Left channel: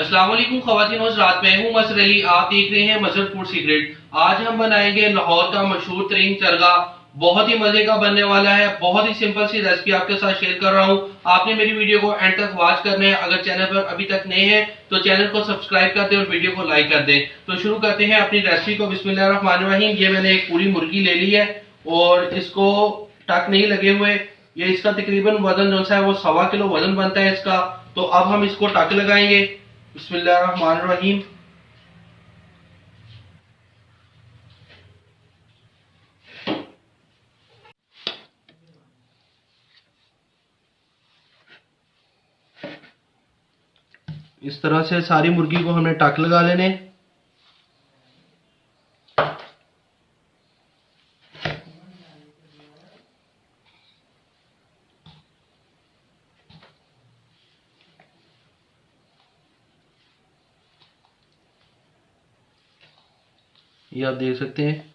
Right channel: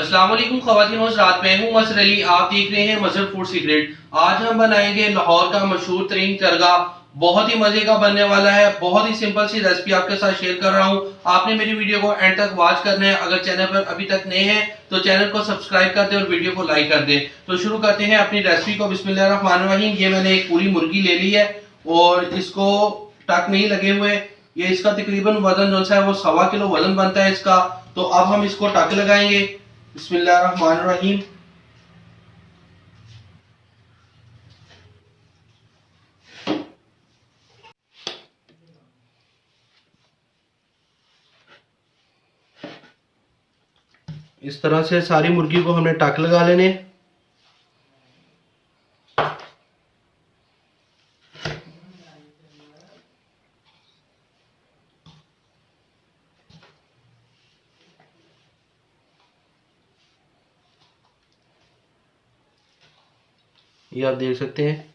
अस्सलाम वालेकुम ख़वातीन और हज़रात, मैं हूं मसर अली। आप देख रहे हैं मसर फूड सीक्रेट। आज हम बनाएंगे लाहौर का मशहूर तरीन चरगा। बहुत ही मजे का बनने वाला है। बहुत ही सिंपल सी रेसिपी आपके साथ शेयर कर रहा हूं। आपने मेरी वीडियो को एंड तक वॉच करना है। अगर चैनल पर अभी तक नए हैं तो चैनल को सब्सक्राइब कर दें और वीडियो को लाइक कर दें। तो शुरू करते हैं अपनी रेसिपी को। बिस्मिल्लाहिर्रहमानिर्रहीम। ये मैंने एक पूरी मुर्गी ले ली है और इसको टक नहीं लगे हुए। ये इसका तकरीबन वजन जो है वो 1.25 किलो वजन बनता है इसका। तो अब हम इसको टक लगाएंगे। बिस्मिल्लाहिर्रहमानिर्रहीम। इस तरह से सारी मुर्गी को हमने टक लगा लेने। ये आप देख सकते हैं,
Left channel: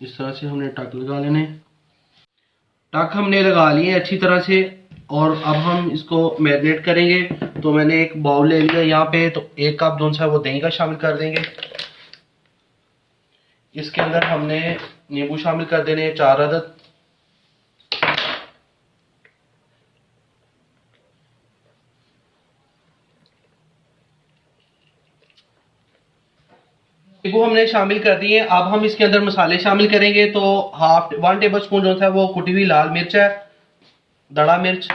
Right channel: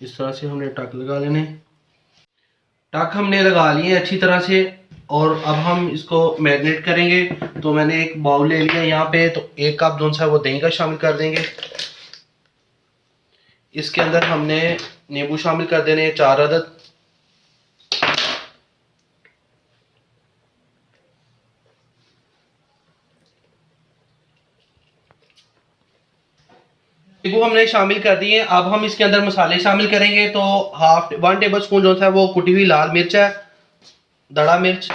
इस तरह से हमने टक लगा लेने। टक हमने लगा लिए अच्छी तरह से और अब हम इसको मैरिनेट करेंगे। तो मैंने एक बाउल ले लिया यहाँ पे। तो 1 कप जो है वो दही का शामिल कर देंगे। इसके अंदर हमने नींबू शामिल कर देने 4 अदद। नींबू हमने शामिल कर दिए। अब हम इसके अंदर मसाले शामिल करेंगे। तो 1 टेबल स्पून जो है वो कुटी हुई लाल मिर्च है, दड़ा मिर्च,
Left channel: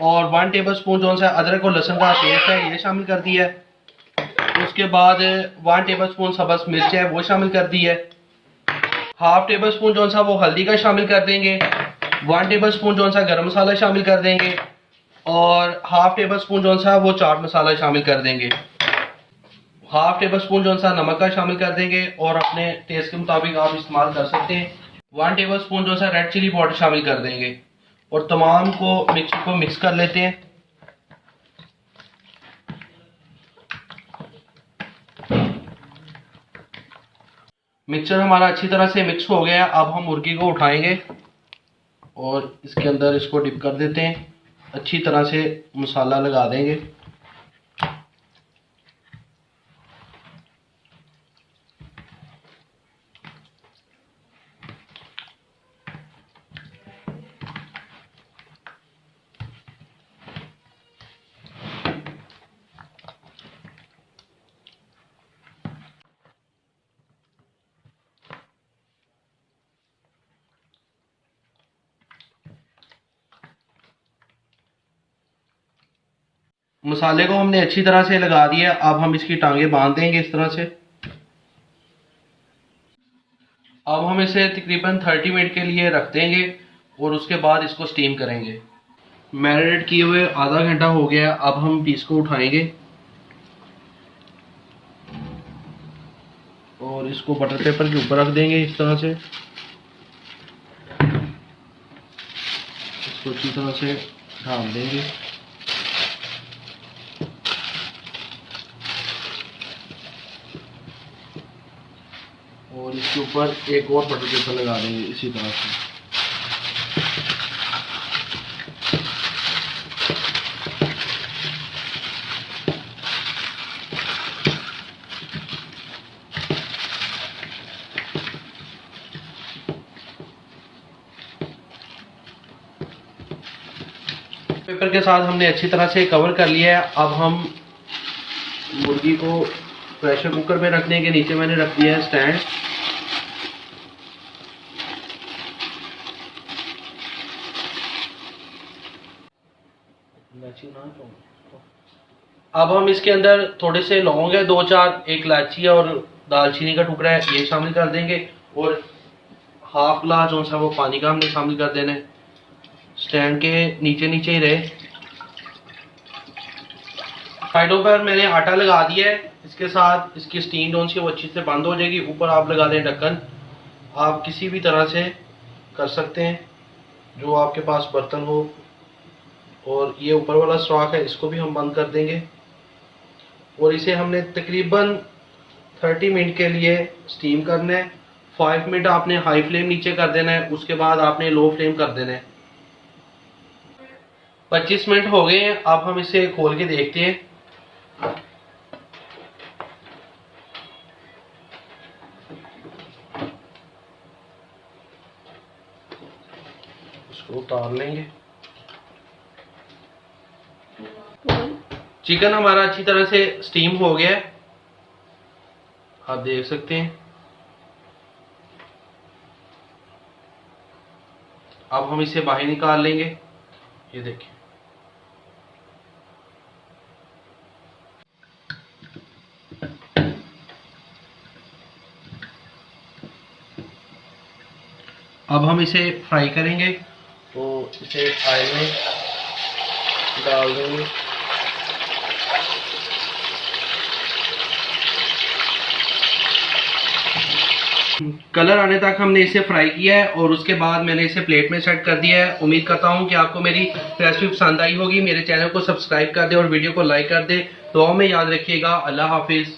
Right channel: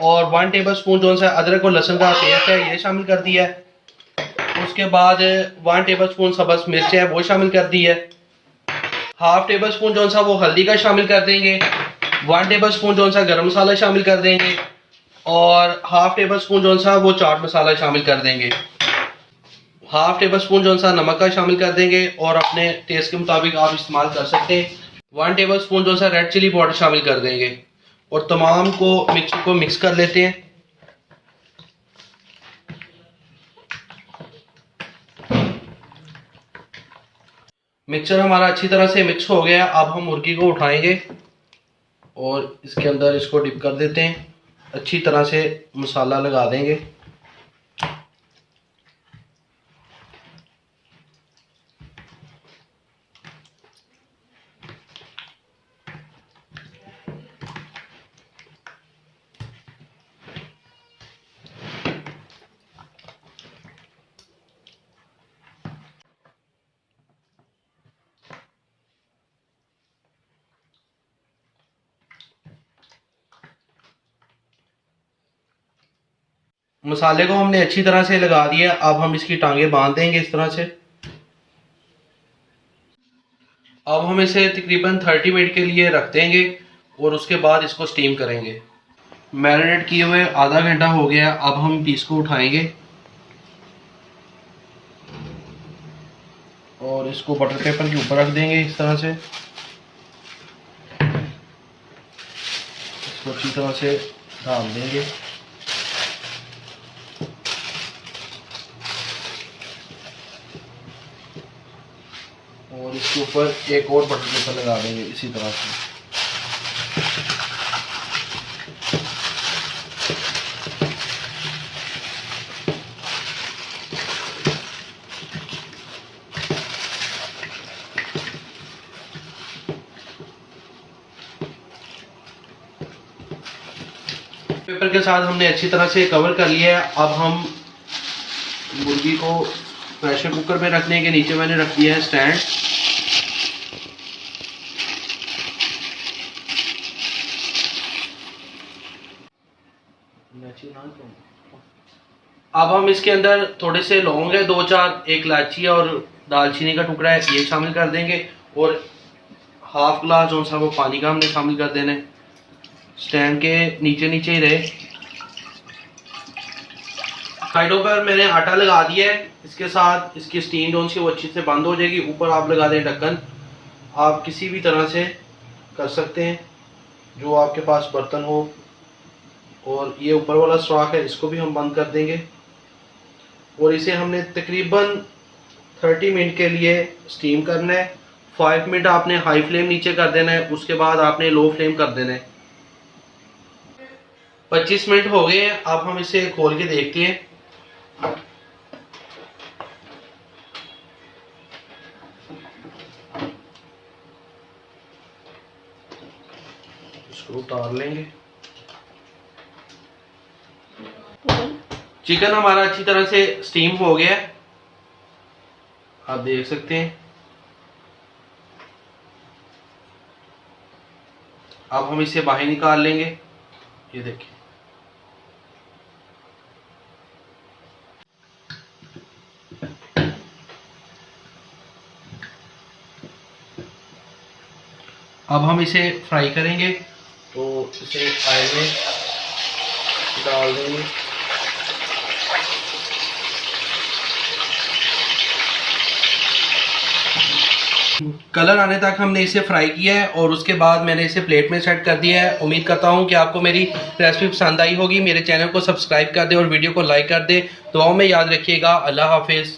और 1 टेबल स्पून जो है अदरक और लहसुन का पेस्ट है, ये शामिल कर दिया है। उसके बाद 1 टेबल स्पून सब्ज़ मिर्च है वो शामिल कर दी है। 1/2 टेबल स्पून जो है वो हल्दी का शामिल कर देंगे। 1 टेबल स्पून जो है गरम मसाला शामिल कर देंगे और 1/2 टेबल स्पून जो है वो चाट मसाला शामिल कर देंगे। 1/2 टेबल स्पून जो है नमक का शामिल कर देंगे और अपने टेस्ट के मुताबिक आप इस्तेमाल कर सकते हैं। 1 टेबल स्पून जो है रेड चिली पाउडर शामिल कर देंगे और तमाम को मिक्स कर लेते हैं। मिक्सचर हमारा अच्छी तरह से मिक्स हो गया। अब हम मुर्गी को उठाएंगे और इसके अंदर इसको डिप कर देते हैं। अच्छी तरह से मसाला लगा देंगे। मसाले को हमने अच्छी तरह से लगा दिया। अब हम इसकी टांगे बांध देंगे इस तरह से। अब हम इसे तकरीबन 30 मिनट के लिए रख देंगे और उसके बाद इसको स्टीम करेंगे। मैरिनेट किए हुए आधा घंटा हो गया। अब हम पीस को उठाएंगे और इसको बटर पेपर के ऊपर रख देंगे इस तरह से। इसको अच्छी तरह से ढाल देंगे। और इसके ऊपर एक और बटर पेपर लगा देंगे इसी तरह से। पेपर के साथ हमने अच्छी तरह से कवर कर लिया है। अब हम मुर्गी को प्रेशर कुकर में रखने के नीचे मैंने रख दिया है स्टैंड। अब हम इसके अंदर थोड़े से लौंग है 2-4, एक इलायची और दालचीनी का टुकड़ा है ये शामिल कर देंगे और 1/2 गिलास जो सा वो पानी का हमने शामिल कर देना है। स्टैंड के नीचे नीचे ही रहे। साइडों पर मैंने आटा लगा दिया है। इसके साथ इसकी स्टीम जो सी वो अच्छी से बंद हो जाएगी। ऊपर आप लगा दें ढक्कन। आप किसी भी तरह से कर सकते हैं जो आपके पास बर्तन हो। और ये ऊपर वाला सुराख है इसको भी हम बंद कर देंगे और इसे हमने तकरीबन 30 मिनट के लिए स्टीम करना है। 5 मिनट आपने हाई फ्लेम नीचे कर देना है, उसके बाद आपने लो फ्लेम कर देना है। 25 मिनट हो गए हैं। अब हम इसे खोल के देखते हैं। उतार लेंगे। चिकन हमारा अच्छी तरह से स्टीम हो गया है, आप देख सकते हैं। अब हम इसे बाहर निकाल लेंगे, ये देखिए। अब हम इसे फ्राई करेंगे, तो इसे ऑयल में डाल देंगे। कलर आने तक हमने इसे फ्राई किया है और उसके बाद मैंने इसे प्लेट में सेट कर दिया है। उम्मीद करता हूँ कि आपको मेरी रेसिपी पसंद आई होगी। मेरे चैनल को सब्सक्राइब कर दे और वीडियो को लाइक कर दे। दुआओं में याद रखिएगा। अल्लाह हाफिज़।